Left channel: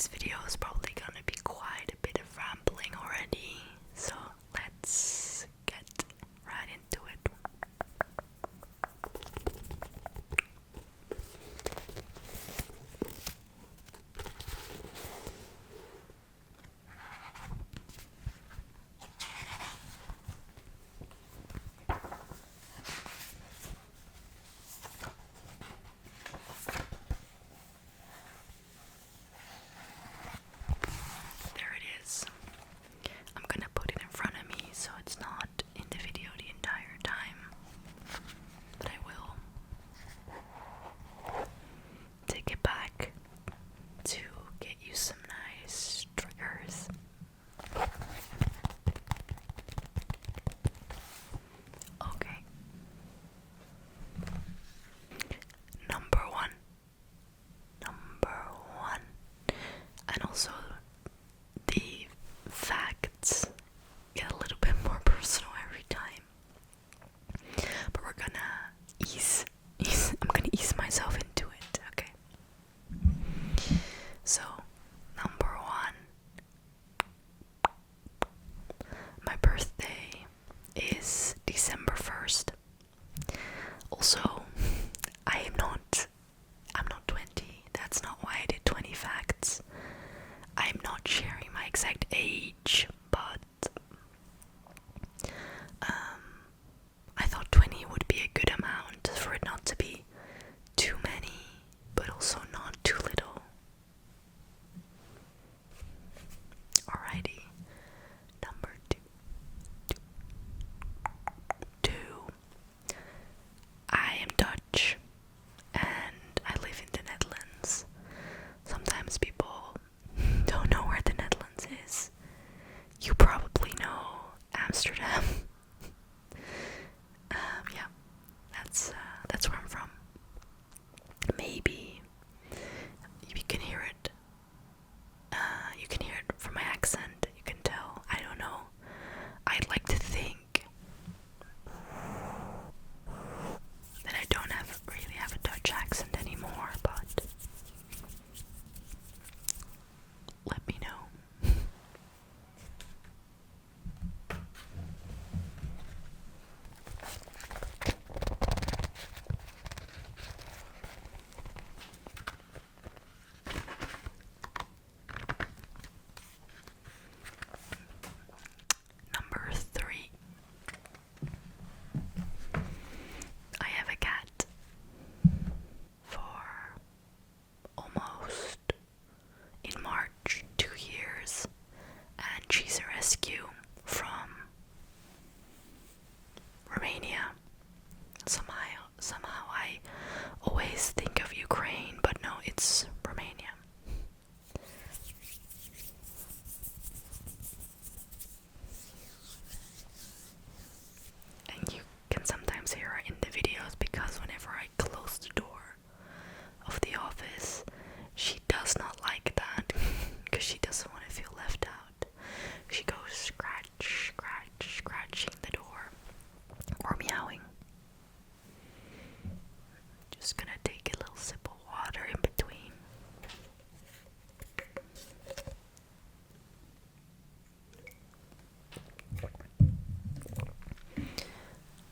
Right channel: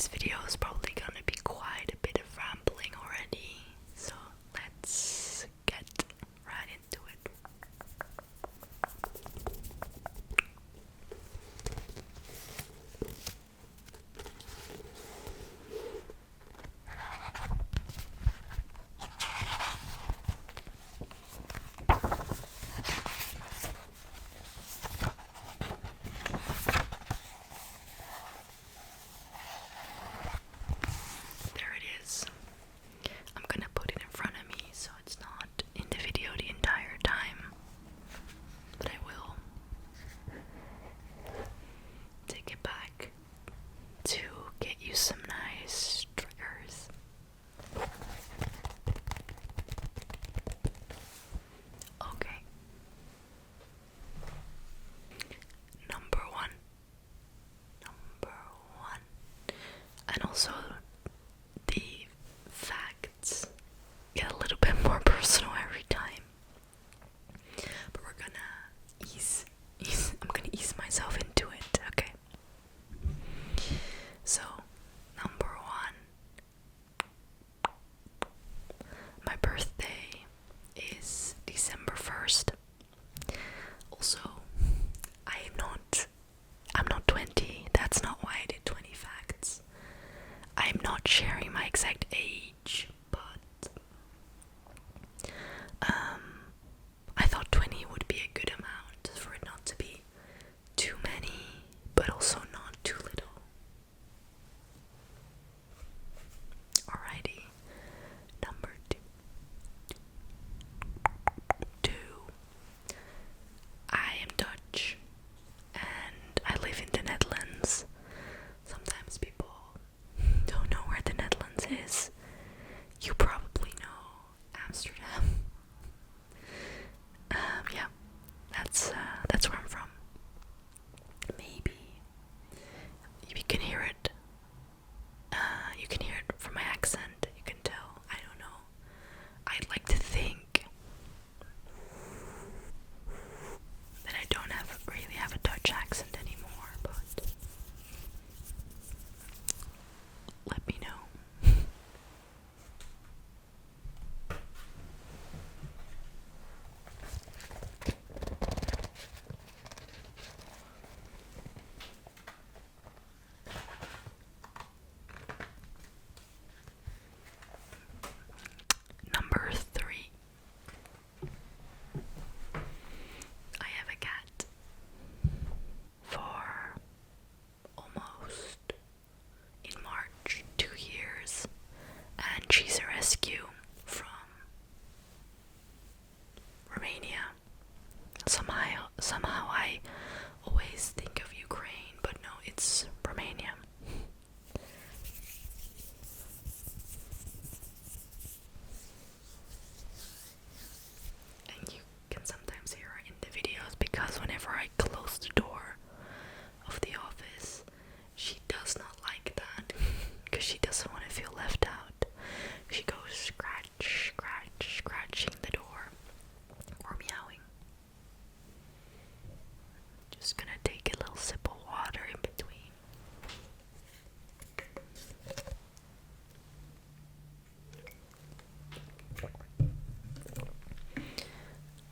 This video is probably gonna be quite a bit of rambling already, so let's get right into it. There it is. I'm gonna put it in front of me so it's not in the video the entire time, but I will take it back to get you some nice triggers. Okay. Number one. And also the facts get a little bit more personal every time. But we're gonna I'm gonna ease myself into it, okay? So, number one. My birthday is December 1st. Also, I'm not 20. That's not why I did 20 facts. I'm not sharing my exact age, but I thought 20 would be a good amount for it not to be too many, but also not too little. Alrighty, number two. I am Dutch and I live in the Netherlands. Sometimes people don't know where the Netherlands is. You probably know Amsterdam. Yeah, that's where I'm from. Maybe you can hear it. You can hear it from my accent. You can tell. I don't know. I'd like to think that I don't really have a Dutch accent anymore, but let me know. Number three. I have a cat for almost, in March, 2 years, and she's a rescue from Romania. Somehow I always think of Ukraine, but no, it's Romania. And you can sometimes hear her in the videos because whenever I close the door of the office, she does not like that because she doesn't want to feel left out. She goes scratching the door or meowing. Just gonna take a little sip of water in between.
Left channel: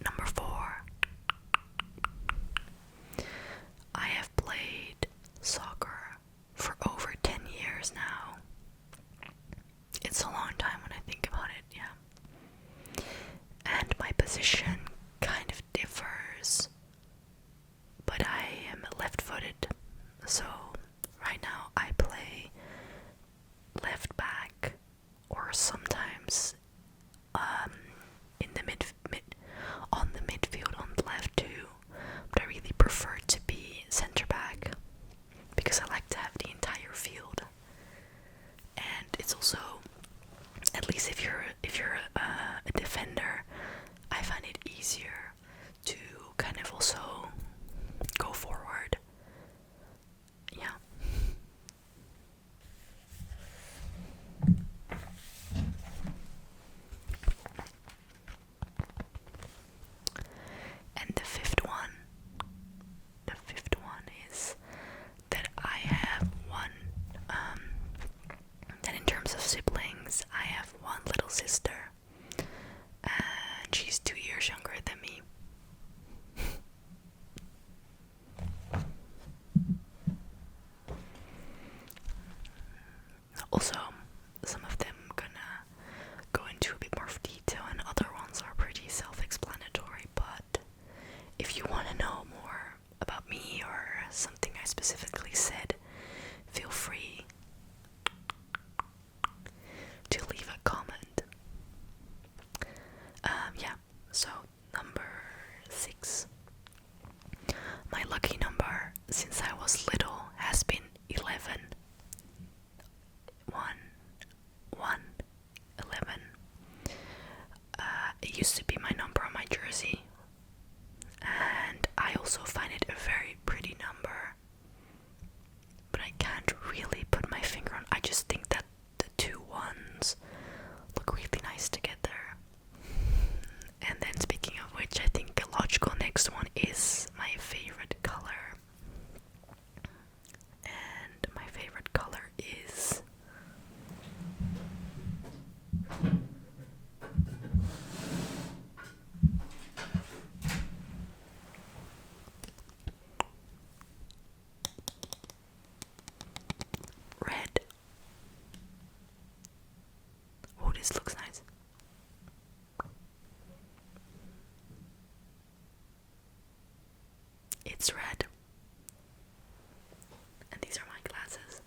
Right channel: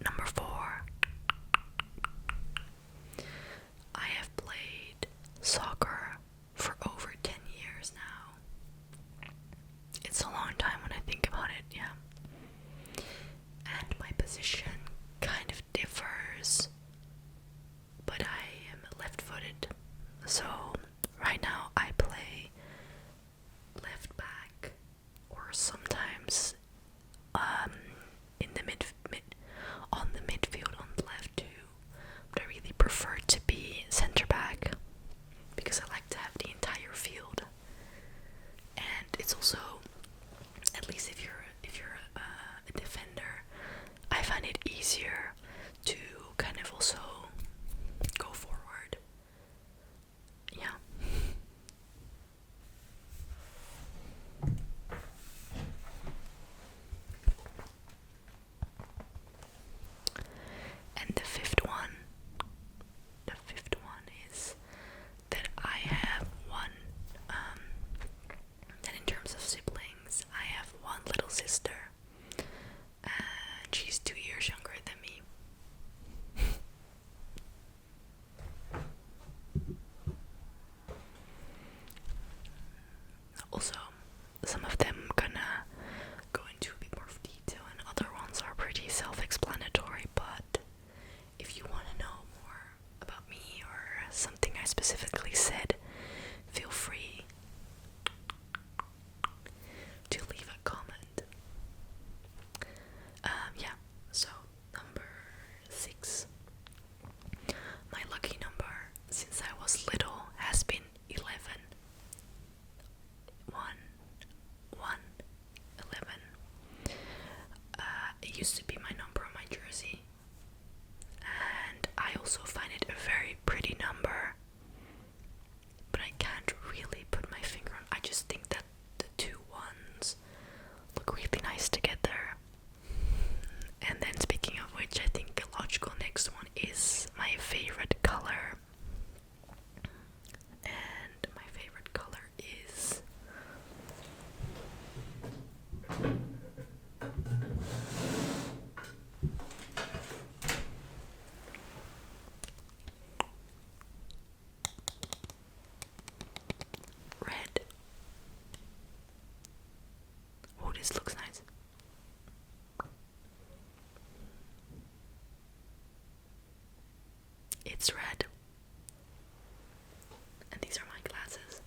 Number four. I have played soccer for over 10 years now. It's a long time when I think about it, yeah. And my position kind of differs, but I am left-footed. So right now I play left back, or sometimes in the on the midfield on the left too. But I really prefer to be center back because I like to have the entire field. And it's also, at least if you're a defender, I find it easier to kind of also go forward. Yeah, specifically said, feel free to leave a comment. Yeah, so number 6. My lucky number since I was little has been 11. 1, 1, 11. It used to be my number on my jersey, and I also find it a very pretty number, but I can't really put my finger on. I just think that the two ones look really nice together. And then speaking of which, I think the logical next one is my favorite color. And my favorite color is red. Oh, this looks nice. It's red. And these are my glasses.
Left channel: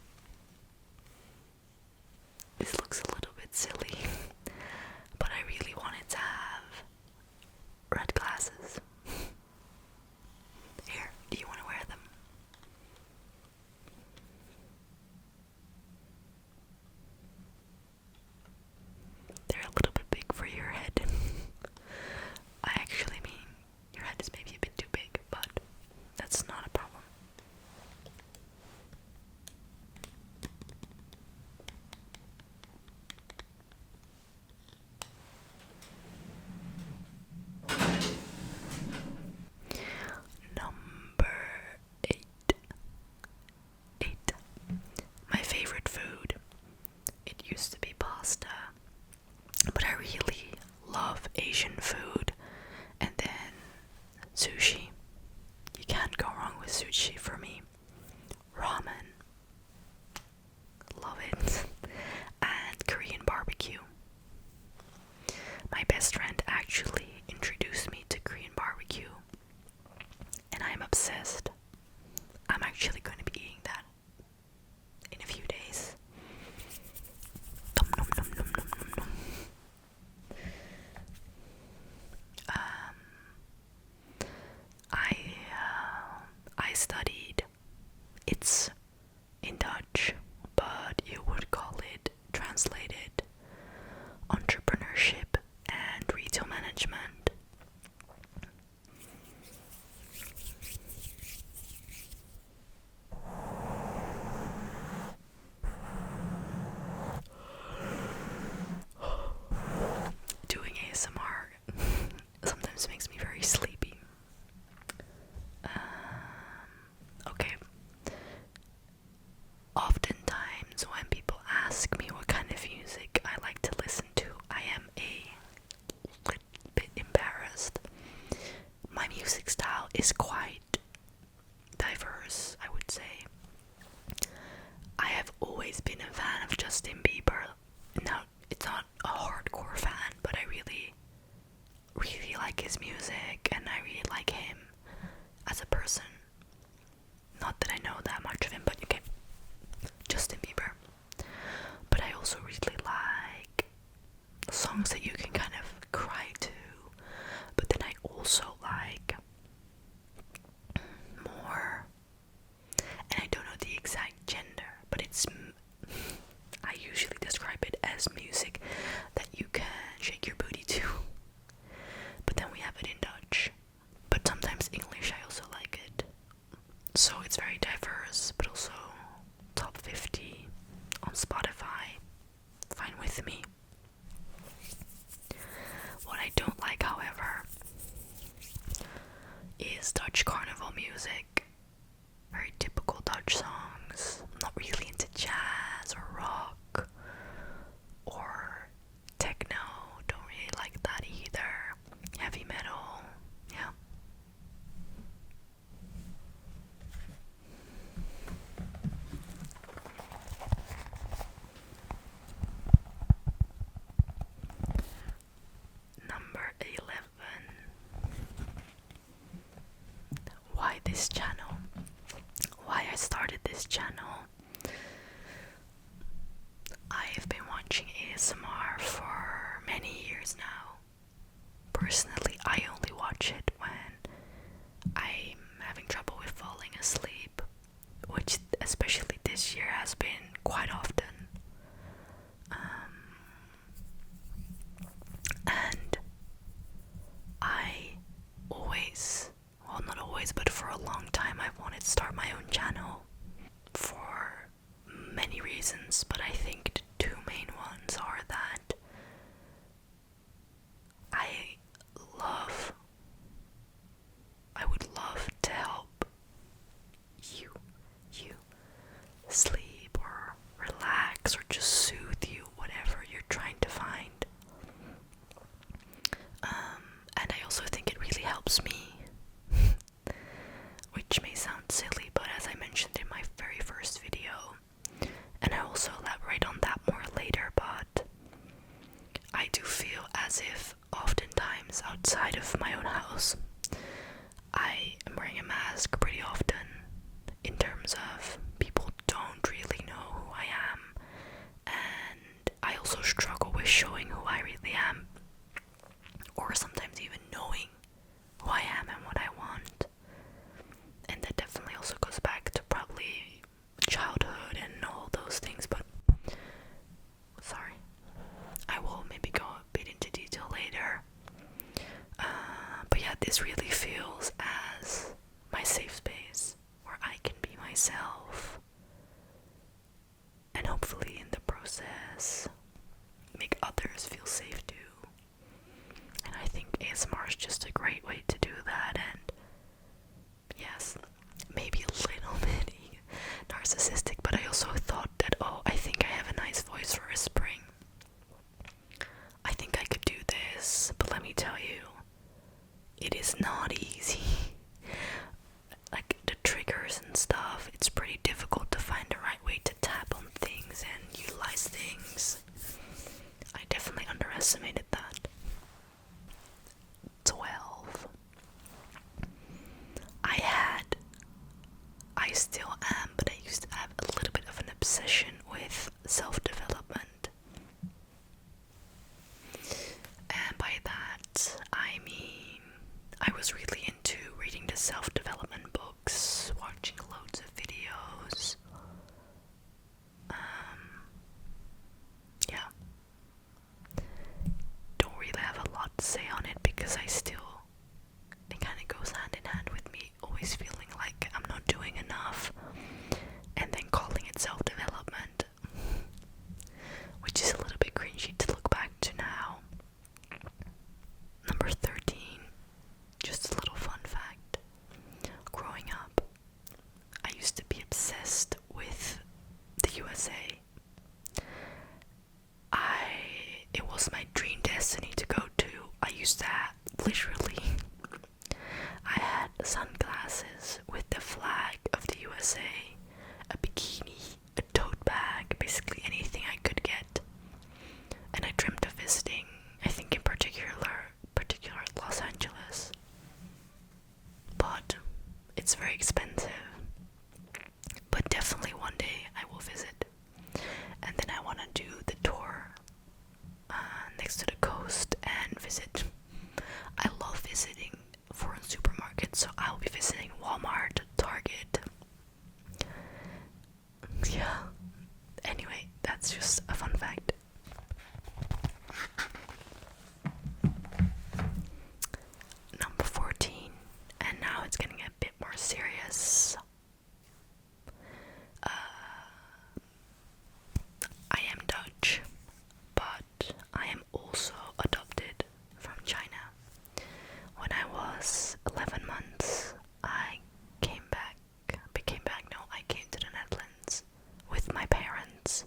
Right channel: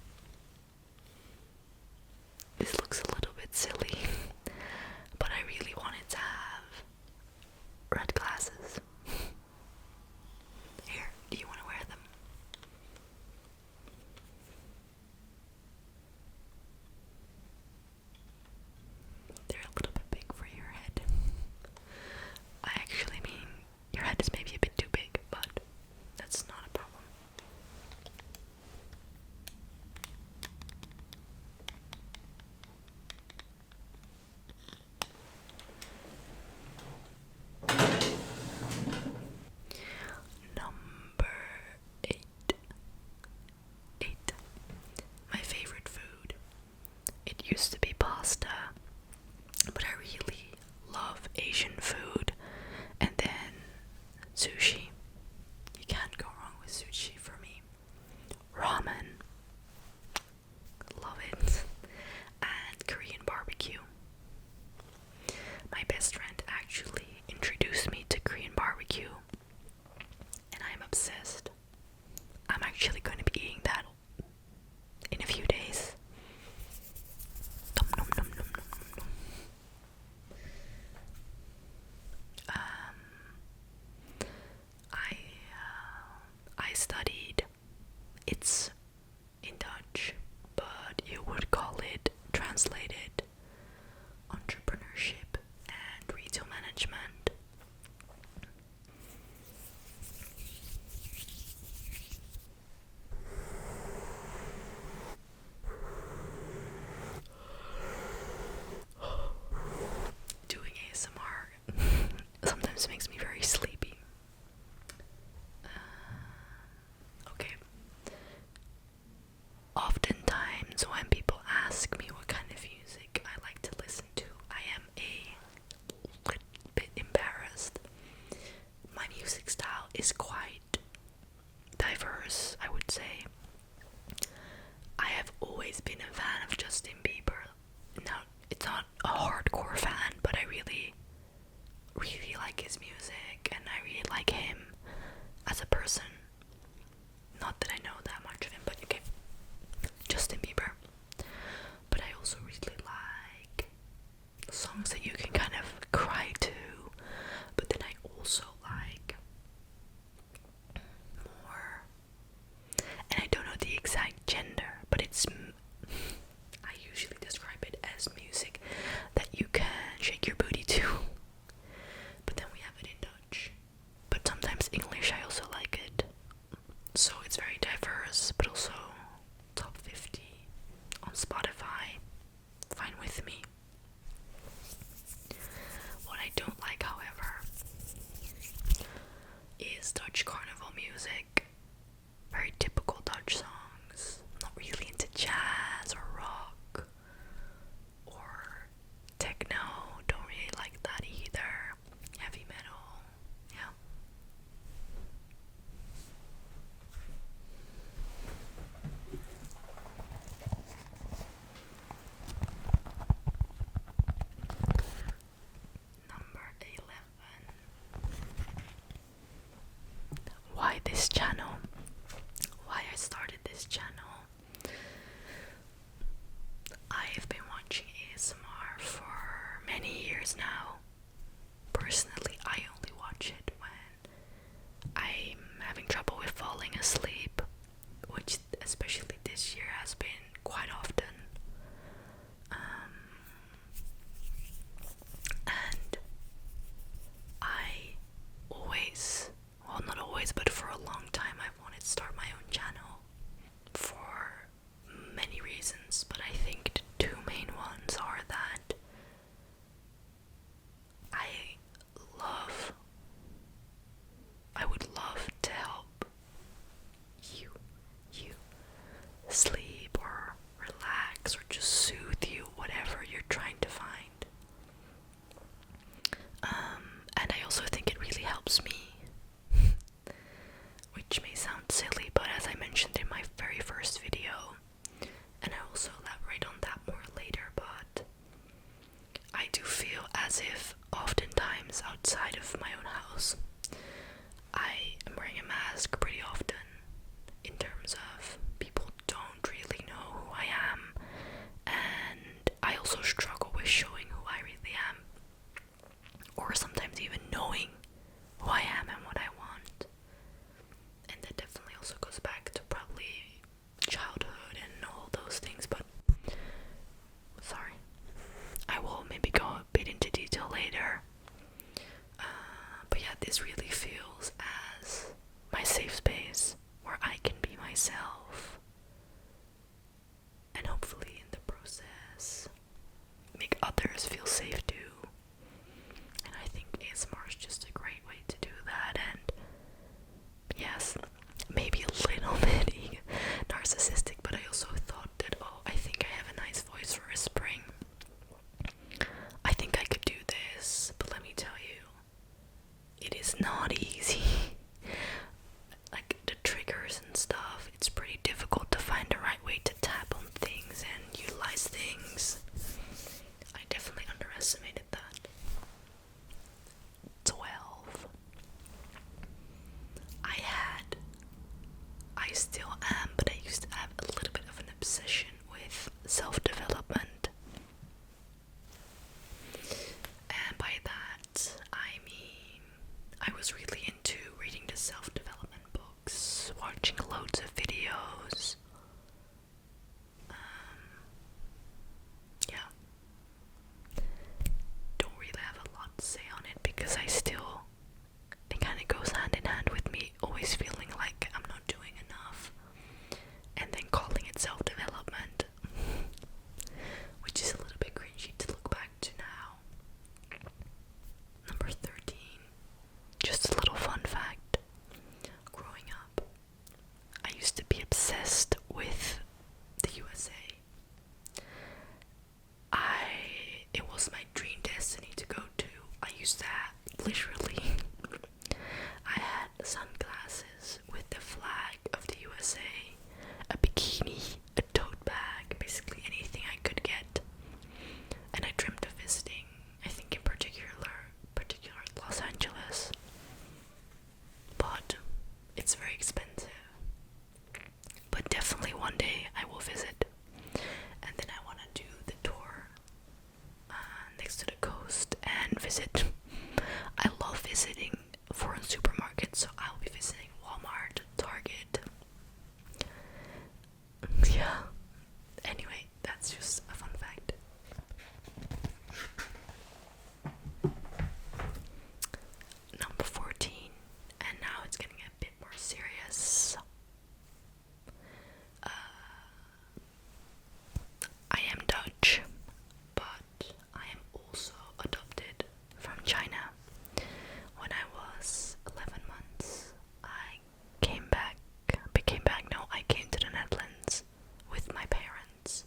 This looks a little bit silly, but I really wanted to have red glasses. Here, do you want to wear them? They're a little bit big for your head. I actually mean, your head is maybe a bit too big, but that's not a problem. Number 8. My favorite food. It used to be pasta, but I really love Asian food. And then sushi. You can't go wrong with sushi for me. Ramen. Love it. And Korean barbecue. My best friend actually introduced me to Korean barbecue, and I'm obsessed. I'm actually going to be eating that in a few days. Nom nom nom nom nom nom nom. I studied. It's in Dutch, but you would call it translated entrepreneurship and retail management. Doing ASMR sometimes makes me very sleepy. Okay. Oftentimes when people ask me what kind of music I like to listen to, I am a little bit embarrassed. My music style is quite diverse, I would say. I have always been a fan of Justin Bieber. Now, it's not a hardcore fan, but I really, really like his music, and I really like him as a person. Not that I know that much of him, but okay, Justin Bieber. But I also really like songs that you can kind of cry to, but then I also like more, and I don't know the exact gender, but it's, I usually describe it as music that you can shake your booty to, but then we have it in Dutch, but sometimes English I also like it. So it's very diverse, but also top 50 on Spotify. Fine with me. What I don't like, however, is Dutch carnival music. Very typical Dutch songs. I'm not really into jazz or rock or techno. Don't really like that either. Heavy metal. Yeah. Number 11. Why this channel? Why this channel. I've been watching ASMR for many years now. Personally, I only watch it when I'm having trouble with falling asleep, which especially this year has been quite often. And I always, well, not always, but for a long time, I've wanted to start my own channel for many reasons, but I think the two main ones are that I would love to help you sleep or relax or just soothe you, whatever you're trying to find. And I also think it really helps me, which may sound silly, but as I mentioned in my very first video, and I also elaborate on that more later, but I do feel as if oftentimes outside of my own house, I am wearing a mask pretty often, in terms of people don't really know who I am, and I also struggle with showing who I really am, or sometimes even knowing who I am and what I want. And that definitely also goes back to probably childhood and all those things, but sorry, I will maybe go a bit into detail later. But yeah, this really feels as my safe space where I can be myself, and hopefully in the process make others feel safe too. And I think ASMR is just a great way to do that. And yes, maybe a little bit narcissistic, but I also thought that, oh, I think I have a nice voice for whispering. I think I could do this, but let me tell you, it is not easy. Like the triggers and stuff, it's pretty difficult to find the right way to tap on things and utilize things. I definitely underestimated that. 12. I still am, but I used to have a little bit of an obsession with self-development. And by that, I mean, I was really into reading the self-development books, watching loads of videos. Yeah. Don't really have a lot to say on it because it kind of goes hand in hand with me always feeling like I'm not doing enough, and then calling it self-development, which is a little bit cringy to look back to now. Number 13, just a little fun fact. Growing up, I used to be obsessed with the USA. It was my dream destiny to go to. I used to have, literally, I had sunglasses with the flag of the USA, a bikini, a tote bag, basically anything I could get. And I dreamt of visiting, I think in particular Los Angeles. But it's very expensive. But definitely one day I will visit. And then I want to do the tour next to the coast and visit. I love visiting foreign supermarkets, so I'll be visiting Walmart, Target. Yeah. Anyway, that's just a fun fact. Number 14, and now it's getting a bit more serious. I am Dutch, but I am also adopted from China. When I was 11 months, I came to the Netherlands with my parents.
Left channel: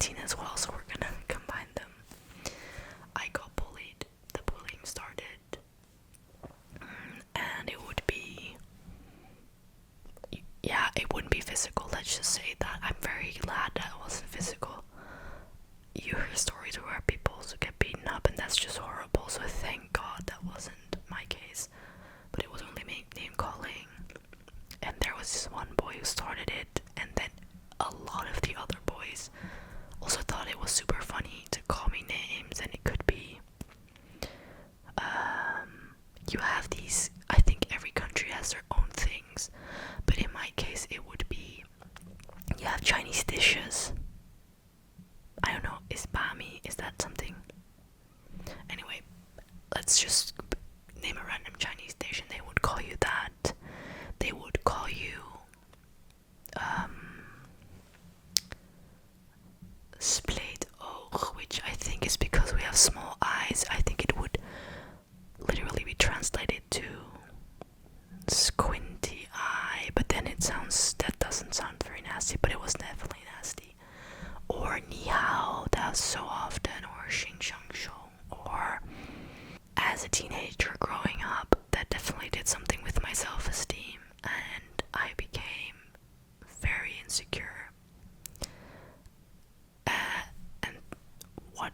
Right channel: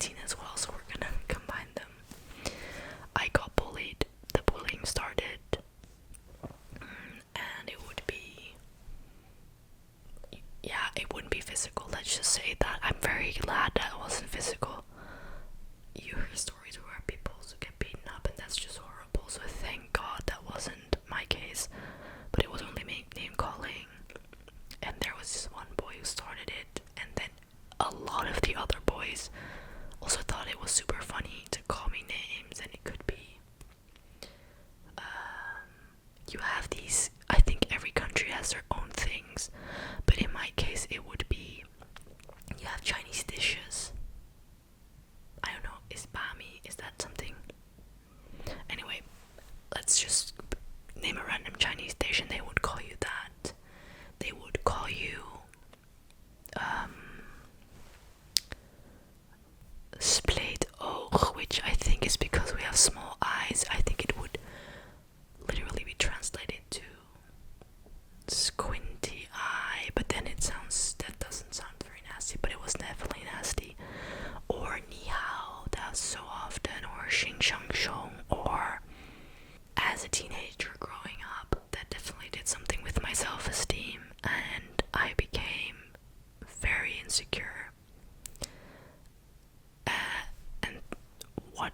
19 as well, so we're gonna combine them. I got bullied. The bullying started, and it would be, yeah, it wouldn't be physical, let's just say that. I'm very glad that it wasn't physical. You hear stories where people get beaten up, and that's just horrible, so thank God that wasn't my case. But it was only name calling, and there was this one boy who started it, and then a lot of the other boys also thought it was super funny to call me names. And it could be, you have these, I think every country has their own things, but in my case it would be, you have Chinese dishes. I don't know, is bami, is that something? Anyway, let's just name a random Chinese dish, and they would call you that. They would call you split oog, which I think is because we have small eyes. I think it would literally be translated to squinty eye, but then that doesn't sound very nasty, but it was definitely nasty. Or ni hao, that was so often, or xing shang shong, or as a teenager growing up, that definitely did something with my self-esteem, and I became very insecure. And what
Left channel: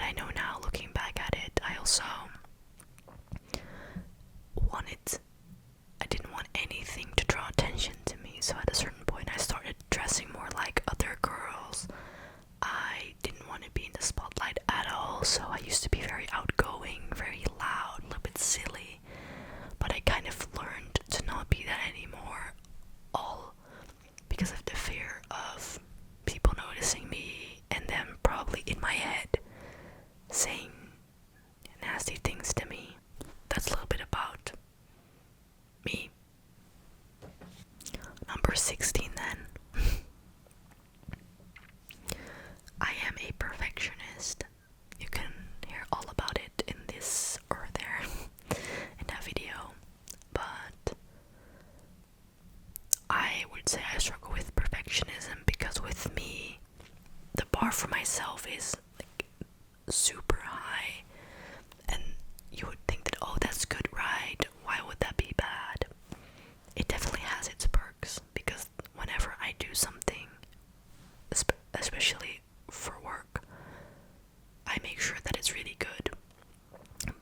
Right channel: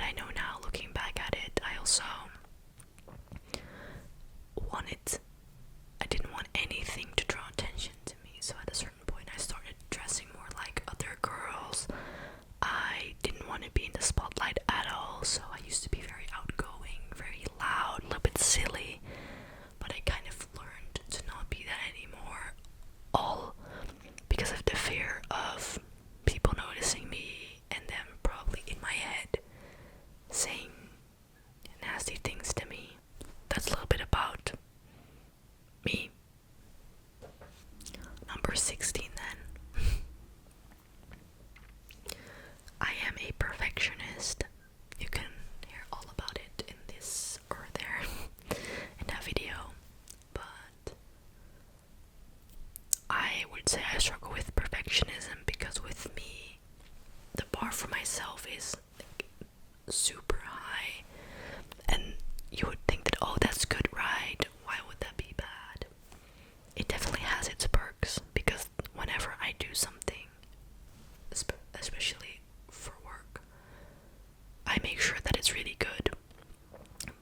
I know now, looking back at it, I also I didn't want anything to draw attention to me, so at a certain point I started dressing more like other girls. I didn't want to be in the spotlight at all, so I used to be very outgoing, very loud, a little bit silly, but I kind of learned to not be that anymore, all because of the fear of people noticing me and them probably in my head saying nasty things to me. That's a little bit about me. Number 16 then. I am a perfectionist. You can hear all about it in this or there in that video, but I would say I struggle with perfectionism because with me, the bar for myself is like super high, and you would think that, oh, that's good, right? Why would that be bad? It definitely has its perks, because whenever I do something, especially for work, I make sure that it's really good.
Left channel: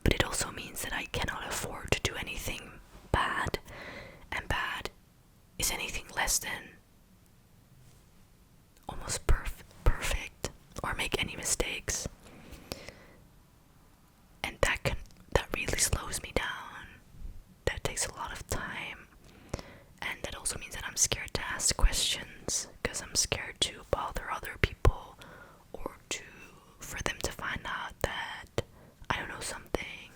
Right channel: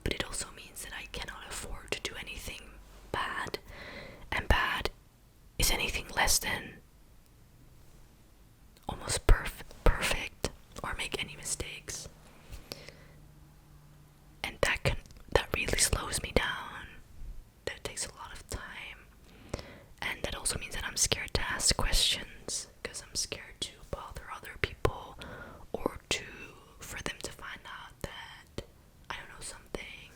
But it also means that I cannot afford to do anything bad, and bad is anything less than almost perfect, or make any mistakes. And that really slows me down. That takes a lot of time. And that also means that I'm scared to ask questions, because I'm scared to bother other people, or for them to find out that I don't know something.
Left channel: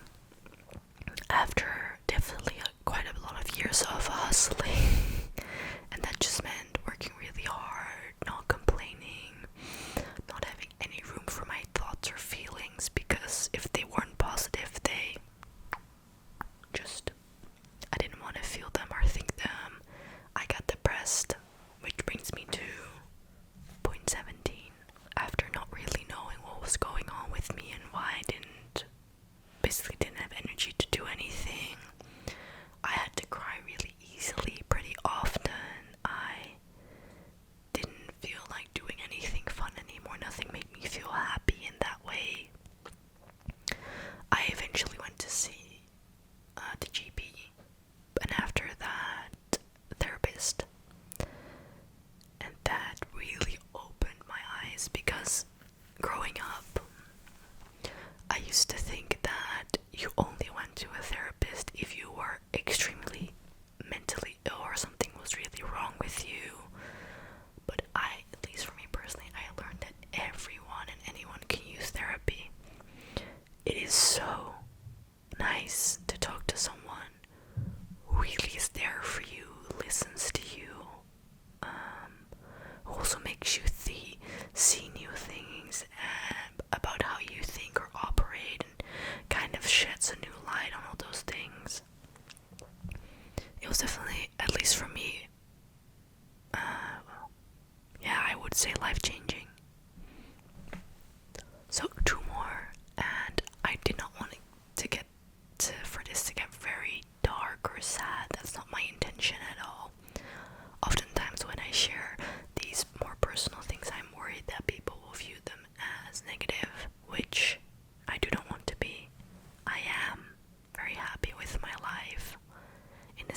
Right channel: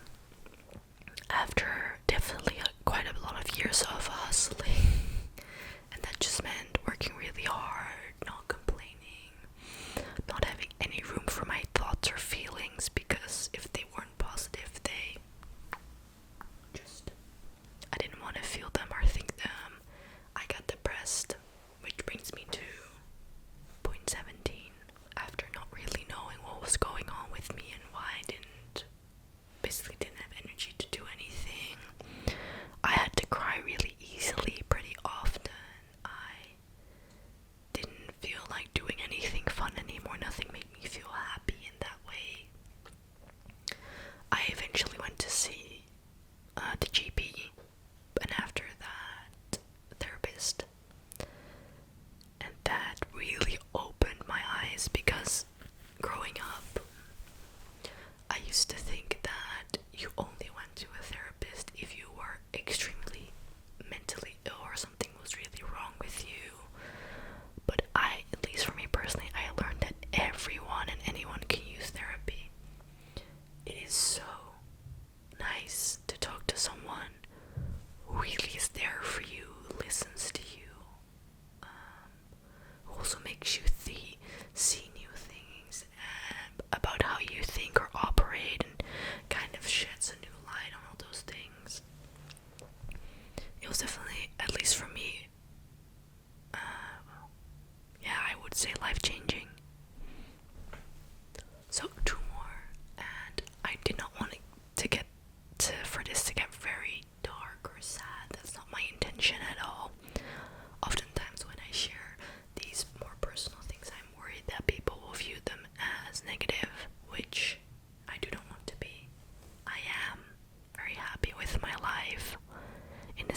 After definitely quite a lot of years of hustling, and that just meant working really hard, not complaining, not having any room for my thoughts or feelings, because if they weren't positive, I didn't want to feel them or think them. I got depressed, which brings me to point 17. After not really knowing what was going on with me and why I basically didn't have energy to do anything, I had to cry really easily pretty often. I didn't feel like doing anything fun anymore. Nothing made me feel happy in that way. I eventually went to see the GP, and after that, therapist, and that really opened my eyes, because growing up, I used to think that you only went to a therapist if you were extremely mentally ill or something was really wrong with you. But at least for me personally, I learned that everyone and anyone can use therapy. It is so nice to talk to someone who really is there for you, listens to you, who also makes you see new things about how you think or operate, and kind of sheds a new light on all those things. It was definitely, at least for me, yeah, I would say life-changing.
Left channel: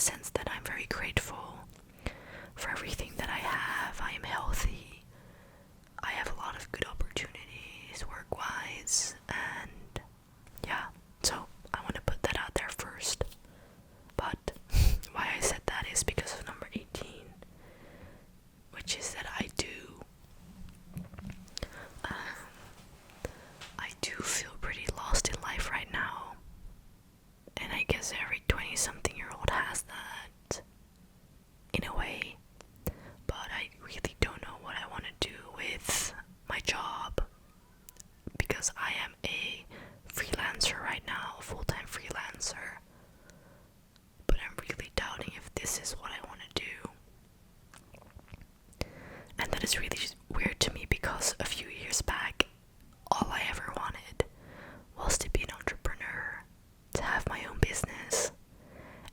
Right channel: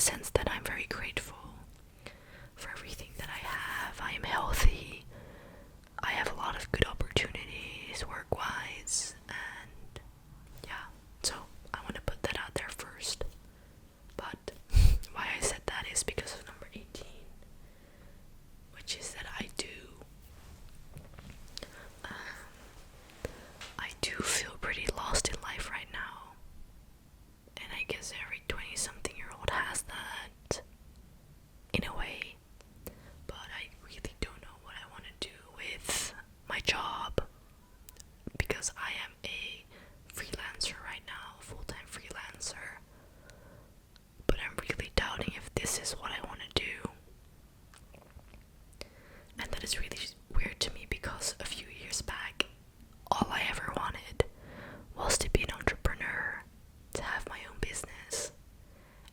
sense that I'm very grateful for everything that I have. I am healthy. I have a lot of good opportunities work-wise, and yeah, so I want to put that out there first. But why I said that is because of number 18, which is that I do feel pretty lost in life right now, and I guess every 20-something-year-old has that in a way, but I really don't know what I want to do with my job, because I am a freelancer right now, a full-time freelancer, but I'm really doubting if this is what I want to do. And that is really weird to me, because a few years back, all I ever wanted was to be an entrepreneur, to have my own business.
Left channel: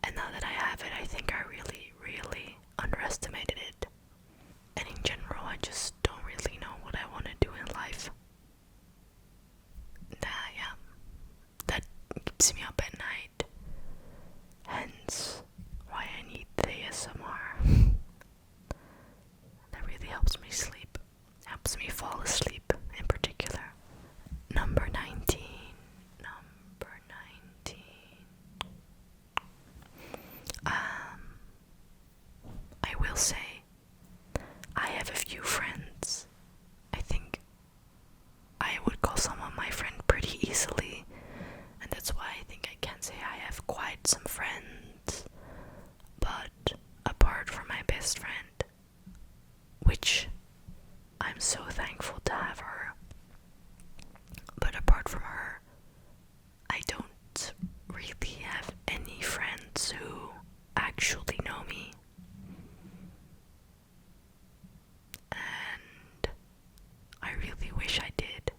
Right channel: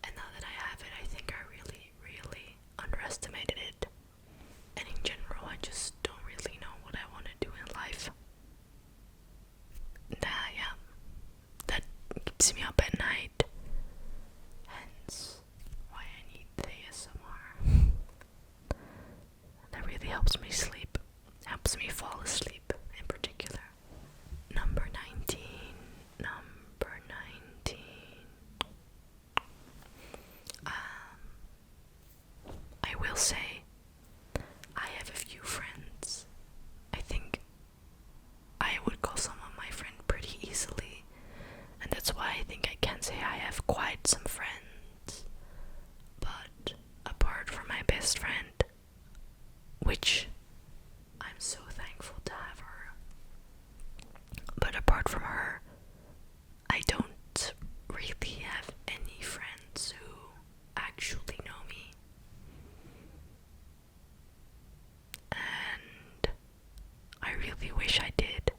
And now that I have it, I think I really, really underestimated it. And in general, I just don't really know what I want to do in life. That keeps me up at night. Hence why I need the ASMR. That really helps me sleep. Helps me fall asleep in particular. Number 19. I will say, I have a few friends. I think I would call someone my friend pretty easily, and that's why I think I can say I have quite some friends. But apart from my best friend, which I'm so thankful to have her, but apart from her, I don't really have any friends who actually know me. And I really wish I did.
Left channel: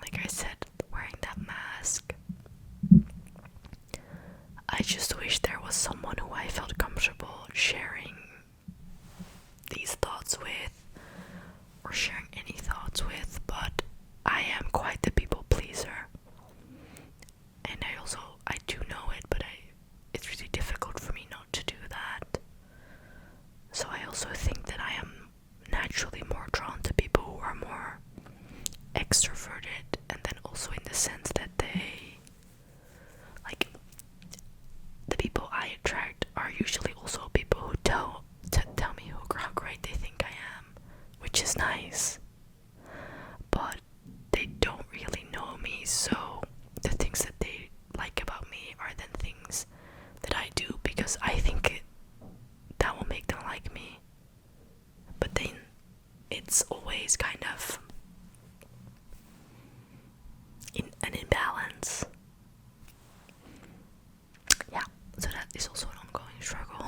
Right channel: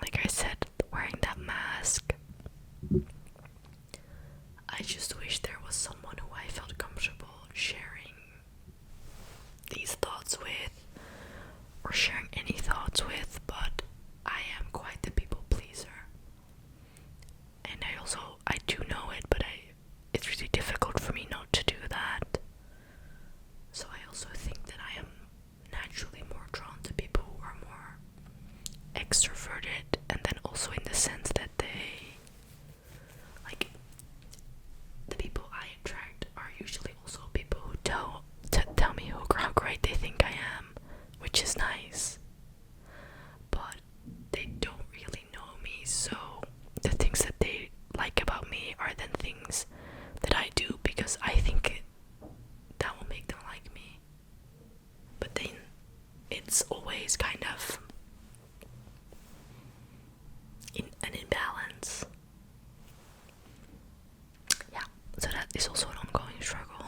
Like I said, wearing that mask, I just wish there was someone who I felt comfortable sharing these thoughts with, or sharing any thoughts with, but I am quite the people pleaser. And I do know it, but it's really difficult for me not to do that. So I also think that I am naturally more drawn to people who are more extroverted, and then also in the sense that the people I attract are usually also people who tell me how great they think I am, which is nice. But they don't really know me, so the things that they like about me are then things that I do because I think that will make them like me. But then it's always kind of in an imbalance. Yeah, so that is also an ongoing struggle.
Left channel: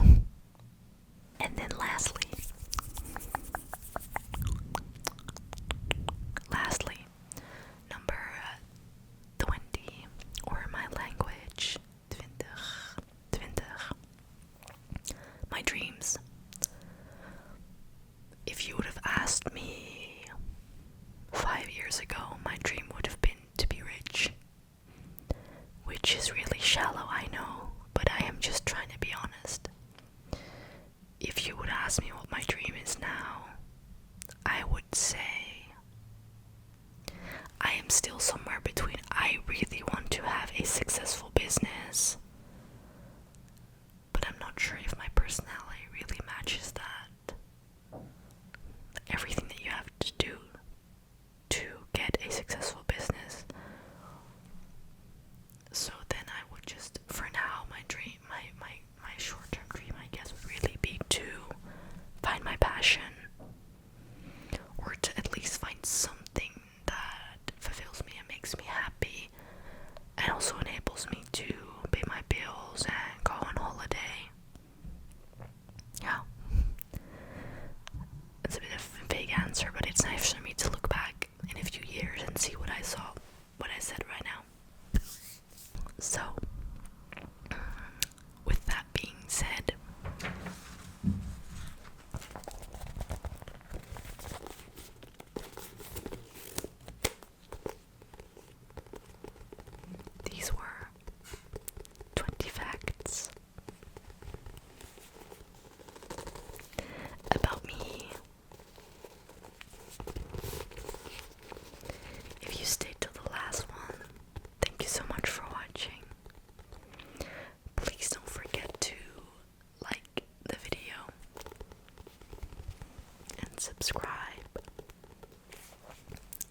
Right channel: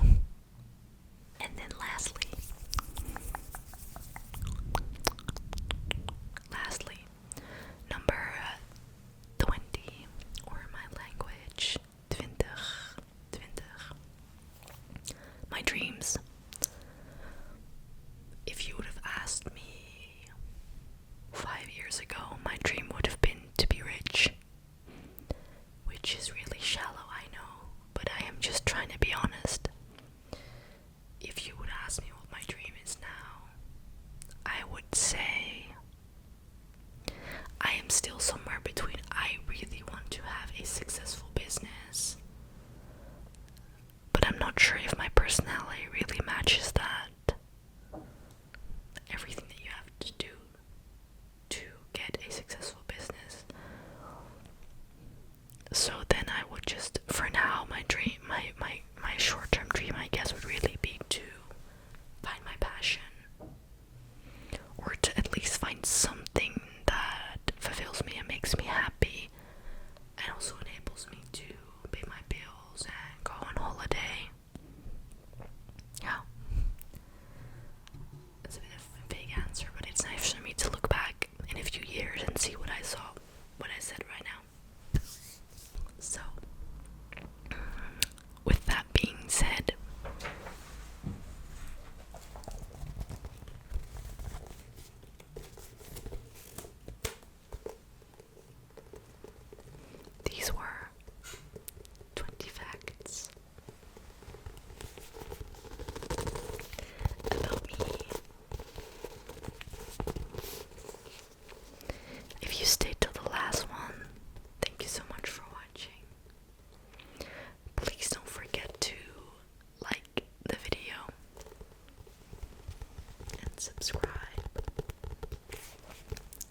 And then lastly, number 20, or my language, 20, my dreams. If you would have asked me 5 years ago, my dream would have been to be rich, which is really shallow, I know, but I am just trying to be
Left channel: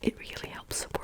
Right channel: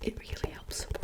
it really helps support